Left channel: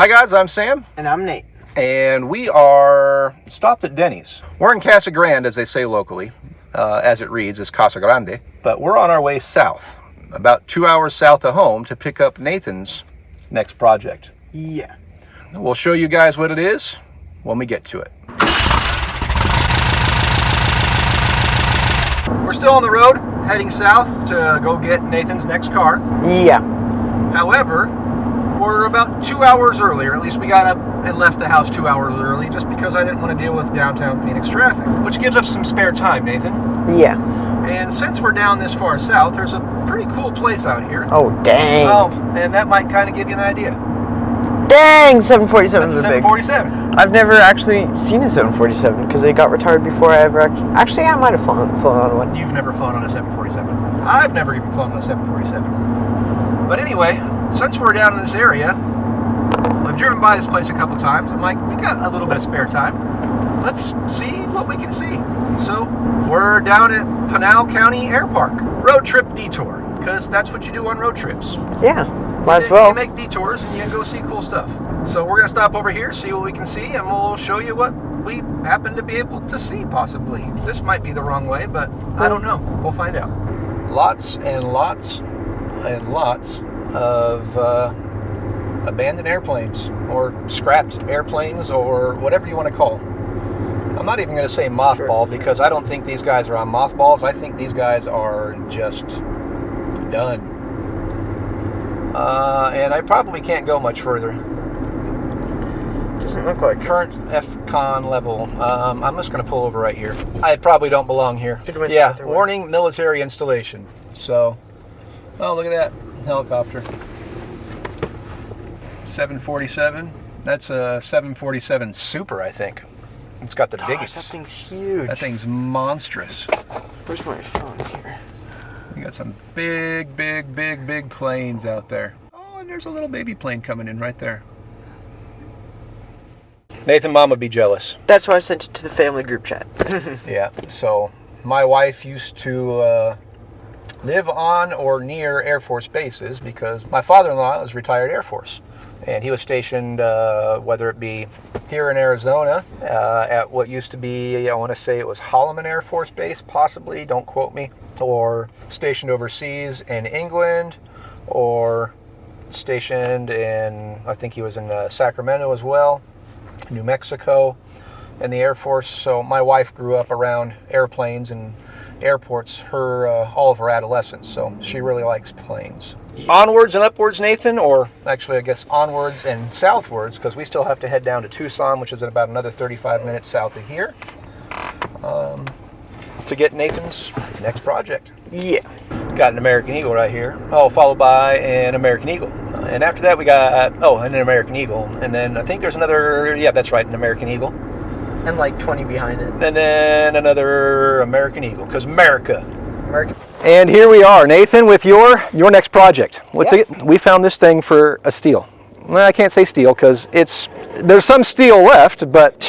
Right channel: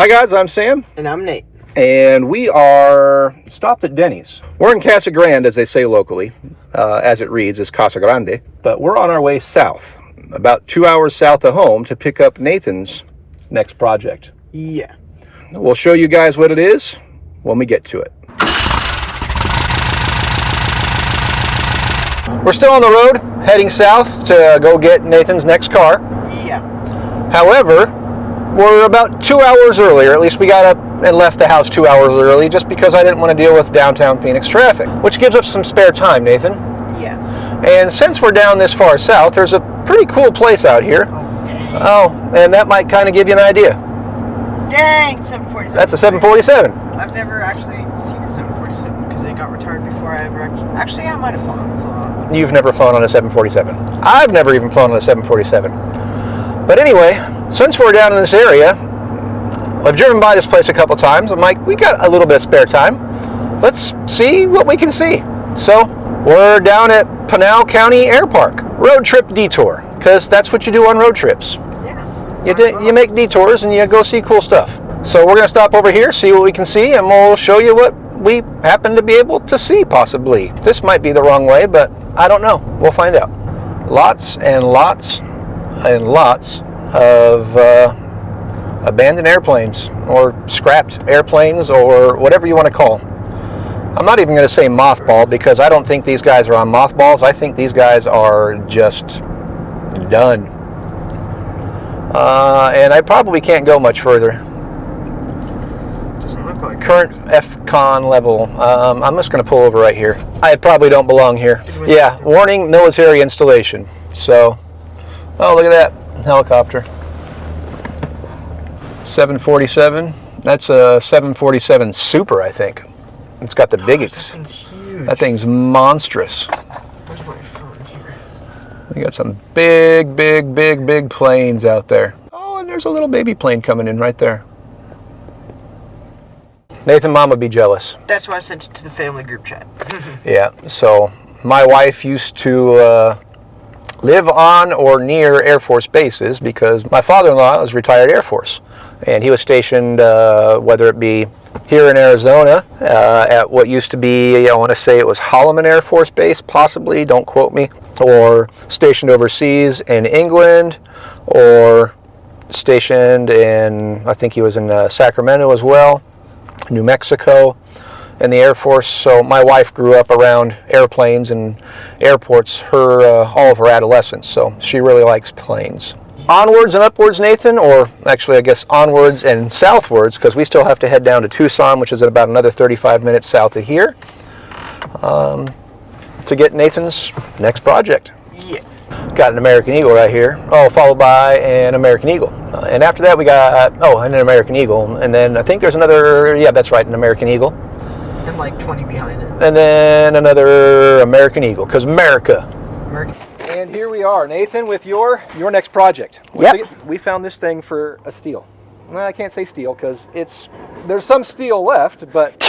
Hi guys, I'm Sam. And I'm Nate. And we are stopped at Denny's. We're in Casa Grande, as they say locally. As it reads, is Casa Grande. But we're on our way south, about 2 hours south of home, to pick up Nathan's next project. Yeah. We'll show you guys what it is when we get to it. We're still on the road, heading south to go get Nathan's next car. Yeah. However, we're about 2 hours early, or at least we got up and left the house 2 hours early, just because I didn't want to deal with downtown Phoenix traffic, which gives us some spare time, Nathan. Yeah. And since we're down this far south, there's a pretty cool place out here. Oh, dang. Oh, and that might kind of give you an idea. Dang, 747. That's a 747. I've never actually seen a 747 because they got retired before I ever actually I might have flown on one. You've never flown on a 747. I've never even flown on a 747. But anyway, since we're down in this area, I've driven by this place a couple times. I'm like, we got a little bit of spare time. Let's see what we can see. So we're down at Pinal County Air Park. Road trip detour, because that's what you do on road trips. Yeah. You make detours and you go see cool stuff. So we're going to stop over here, see what we can see, and we'll show you what we happen to be able to see, possibly. This might be the wrong way, but I don't know. We'll find out. Lots and lots and lots of abandoned airplanes, or scrapped airplanes, or whatever you want to call. I'm not even going to say mothball, because I don't think these guys are on mothballs. I think these guys are just done. And I probably can't go much further. Doesn't look like Current FCON level. I'm just going to pull over right here. I probably don't belong here. Yeah, warning, military installation. So, oh, look at that helicopter. 747. That's a 747 Super, I think. It's got the biggest. That thing's huge. That thing's monstrous. Where's my phone here? We got some big, big, big, big planes out there. Oh, and there's a little baby plane coming in right there. Nathan, Mom would be jealous. That's why I sent it to the family group chat. Yeah, so my wife used to live on or near Air Force bases because my father-in-law was retired Air Force. And he was stationed, whether it be here in Arizona, at what used to be, I want to say it was Holloman Air Force Base, possibly, don't quote me, or stationed overseas in England, or stationed in, I think he was in Sacramento as well, New Mexico, in the Air Force. So my wife grew up around airplanes and airports all of her adolescence, so she really likes planes. Onwards and upwards, Nathan, or actually I guess onwards and southwards, because we still have to head down to Tucson, which is at about another 35 minutes south of here, to get Nathan's next project. Yeah. Got an American Eagle right here. Oh, followed by an American Eagle. And after that we got, an American Eagle. And then I think there's another, yeah, that's right, an American Eagle. And like 20 behind it. And then another American Eagle, because America. And here we are, Nathan, with your next project. Yep. We found this thing for a steal. Well, I can't say steal because there's some steel left, but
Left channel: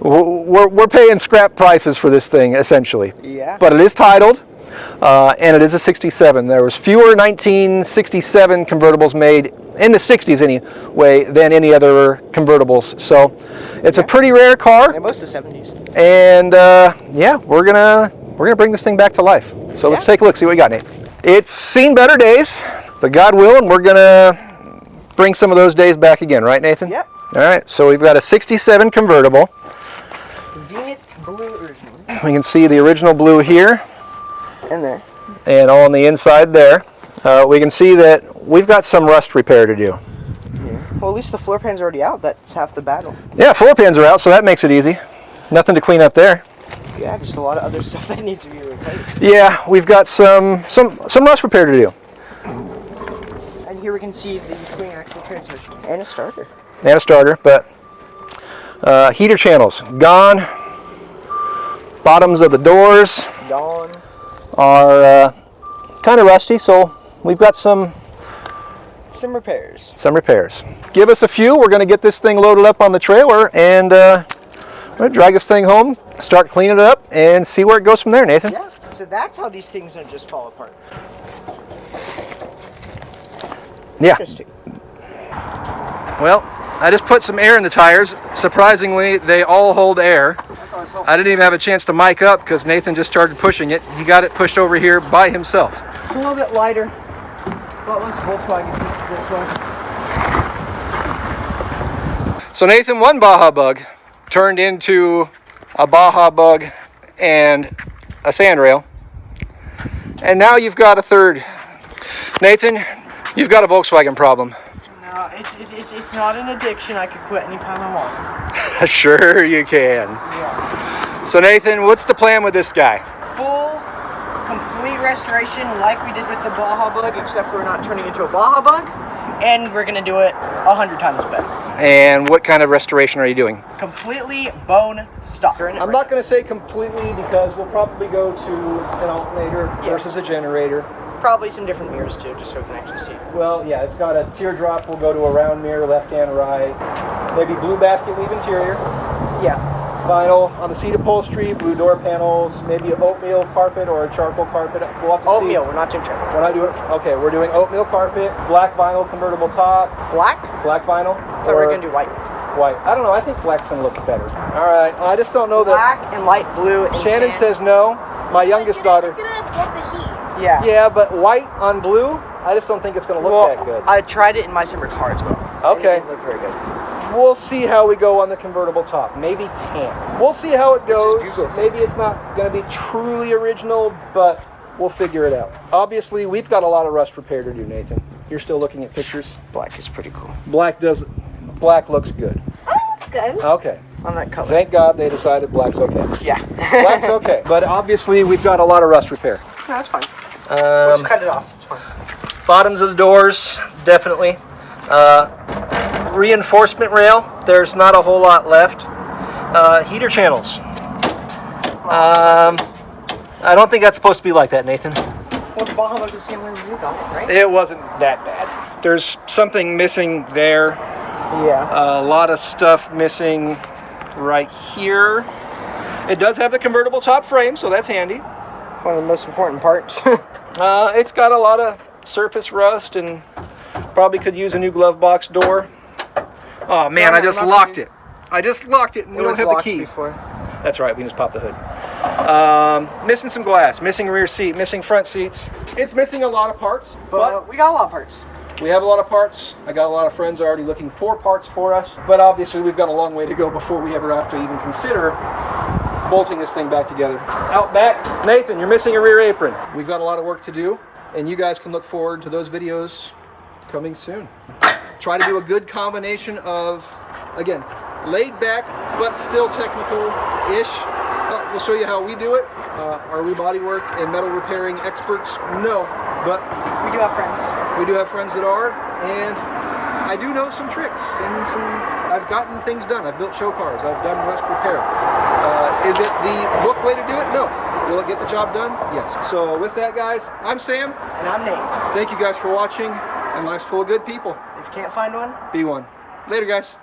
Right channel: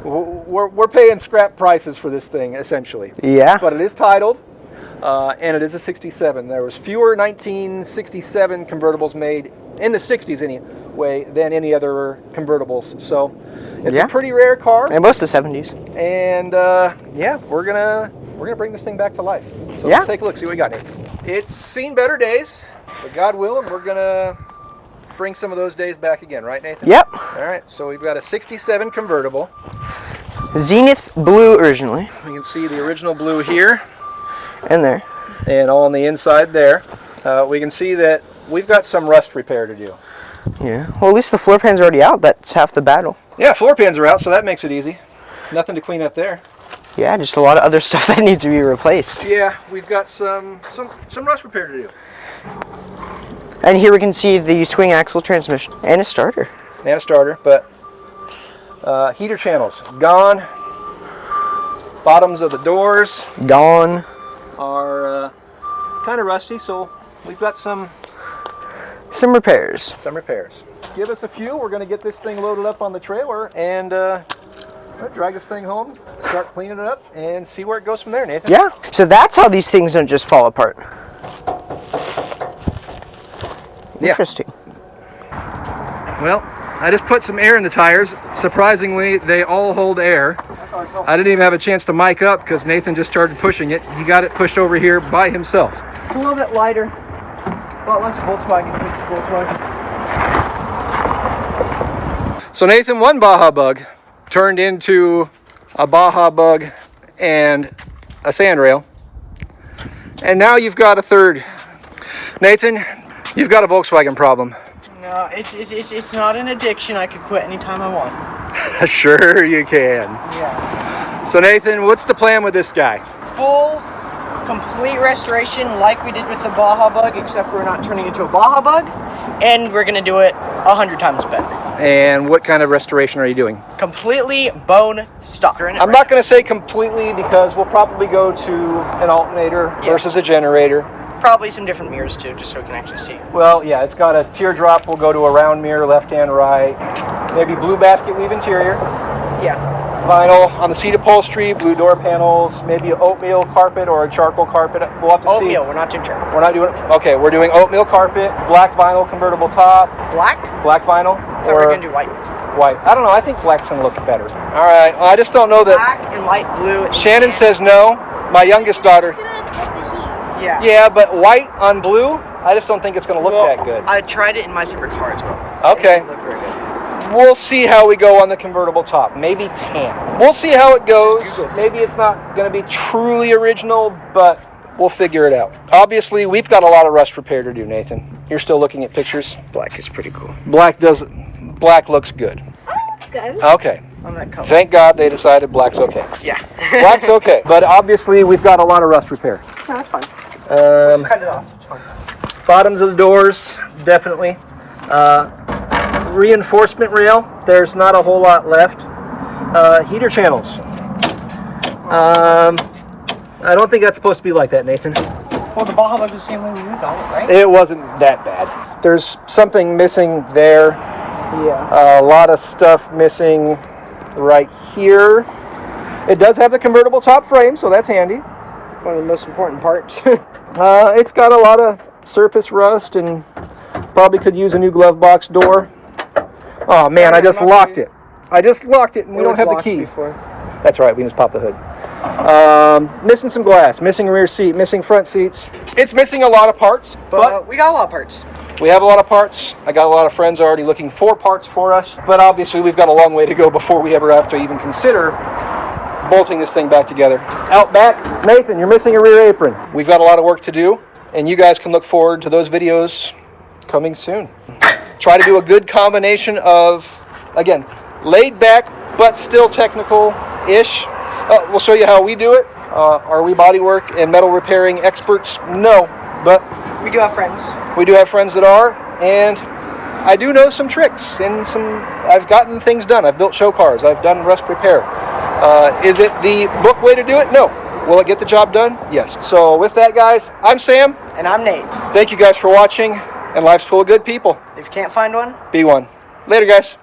we're paying scrap prices for this thing essentially. Yeah. But it is titled, and it is a 67. There was fewer 1967 convertibles made in the 60s anyway than any other convertibles. So it's a pretty rare car. And most of the 70s. And yeah, we're gonna bring this thing back to life. So let's take a look, see what we got, Nate. It's seen better days, but God willing, we're gonna bring some of those days back again, right, Nathan? Yep. All right, so we've got a 67 convertible. Zenith blue originally. We can see the original blue here. And there. And on the inside there. We can see that we've got some rust repair to do. Yeah. Well, at least the floor pan's already out. That's half the battle. Yeah, floor pans are out, so that makes it easy. Nothing to clean up there. Yeah, just a lot of other stuff that needs to be replaced. Yeah, we've got some rust repair to do. And here we can see the swing axle transmission and a starter. And a starter, but heater channels gone. Bottoms of the doors Gone. are kind of rusty, so we've got some repairs. Some repairs. Give us a few. We're going to get this thing loaded up on the trailer and we're going to drag this thing home, start cleaning it up, and see where it goes from there, Nathan. Yeah. So that's how these things don't just fall apart. Yeah. Interesting. Well, I just put some air in the tires. Surprisingly, they all hold air. I didn't even have a chance to mic up because Nathan just started pushing it. He got it pushed over here by himself. It's a little bit lighter. Well, less Volkswagen. So Nathan, one Baja bug turned into a Baja bug and a sandrail. And now you've got a third. Nathan, you've got a Volkswagen problem. No, it's not an addiction. I could quit anytime I want. Sure you can. Yeah. So Nathan, what's the plan with this guy? Full, complete restoration like we did with the Baja bug, except for we're not turning it into a Baja bug. And we're going to do it 100 times better. And what kind of restoration are you doing? Completely bone stock. I'm not going to say completely because we'll probably go to an alternator versus a generator. Probably some different mirrors too, just so we can actually see. Well, yeah, it's got a teardrop. We'll go to a round mirror, left and right. Maybe blue basket weave interior. Yeah. Vinyl on the seat upholstery, blue door panels, maybe an oatmeal carpet or a charcoal carpet. We'll have to see. Oatmeal, we're not doing charcoal. We're not doing, okay, we're doing oatmeal carpet, black vinyl convertible top. Black? Black vinyl. I thought we were going to do white. White. I don't know, I think black's going to look better. All right, well, I just don't know that. Black and light blue. And Shannon says no. My youngest daughter. Yeah. Yeah, but white on blue, I just don't think it's going to look that good. I tried it in my silver car as well. Okay. It looked very good. We'll see how we go on the convertible top. Maybe tan. We'll see how it goes. Maybe it's not going to be truly original, but we'll figure it out. Obviously, we've got a lot of rust repair to do, Nathan. You're still looking at pictures? Black is pretty cool. Black looks good. Oh, that's good. Okay. On that color. Thank God they decided black's okay. Yeah. Black's okay. But obviously, we've got a lot of rust repair. No, that's fine. We'll just cut it off. It's fine. Bottoms of the doors, definitely. Reinforcement rail, there's not a whole lot left. Heater channels. I don't think that's supposed to be like that, Nathan. Well, the Baja was the same way we got it, right? It wasn't that bad. There's something missing there. Yeah. A lot of stuff missing right here. It does have the convertible top frame, so that's handy. One of the most important parts. It's got a lot of surface rust and probably could use a new glove box door. Oh man, I just locked it. I just locked it and we don't have the key. Before. That's right, we can just pop the hood. Missing some glass, missing rear seat, missing front seats. It's missing a lot of parts, but we got a lot of parts. we have a lot of parts. I got a lot of friends already looking for parts for us, but obviously we've got a long way to go before we ever have to even consider bolting this thing back together. Out back, Nathan, you're missing a rear apron. We've got a lot of work to do, and you guys can look forward to those videos coming soon. Try to do a good combination of, again, laid back, but still technical-ish. We'll show you how we do it. Are we bodywork and metal repairing experts? No, but We do have friends. we do have friends that are, and I do know some tricks and I've gotten things done. I've built show cars. I've done rust repair. Is it the book way to do it? No. Will it get the job done? Yes. So with that, guys, I'm Sam. And I'm Nate. Thank you guys for watching, and life's full of good people. If you can't find one, Be one. Later, guys.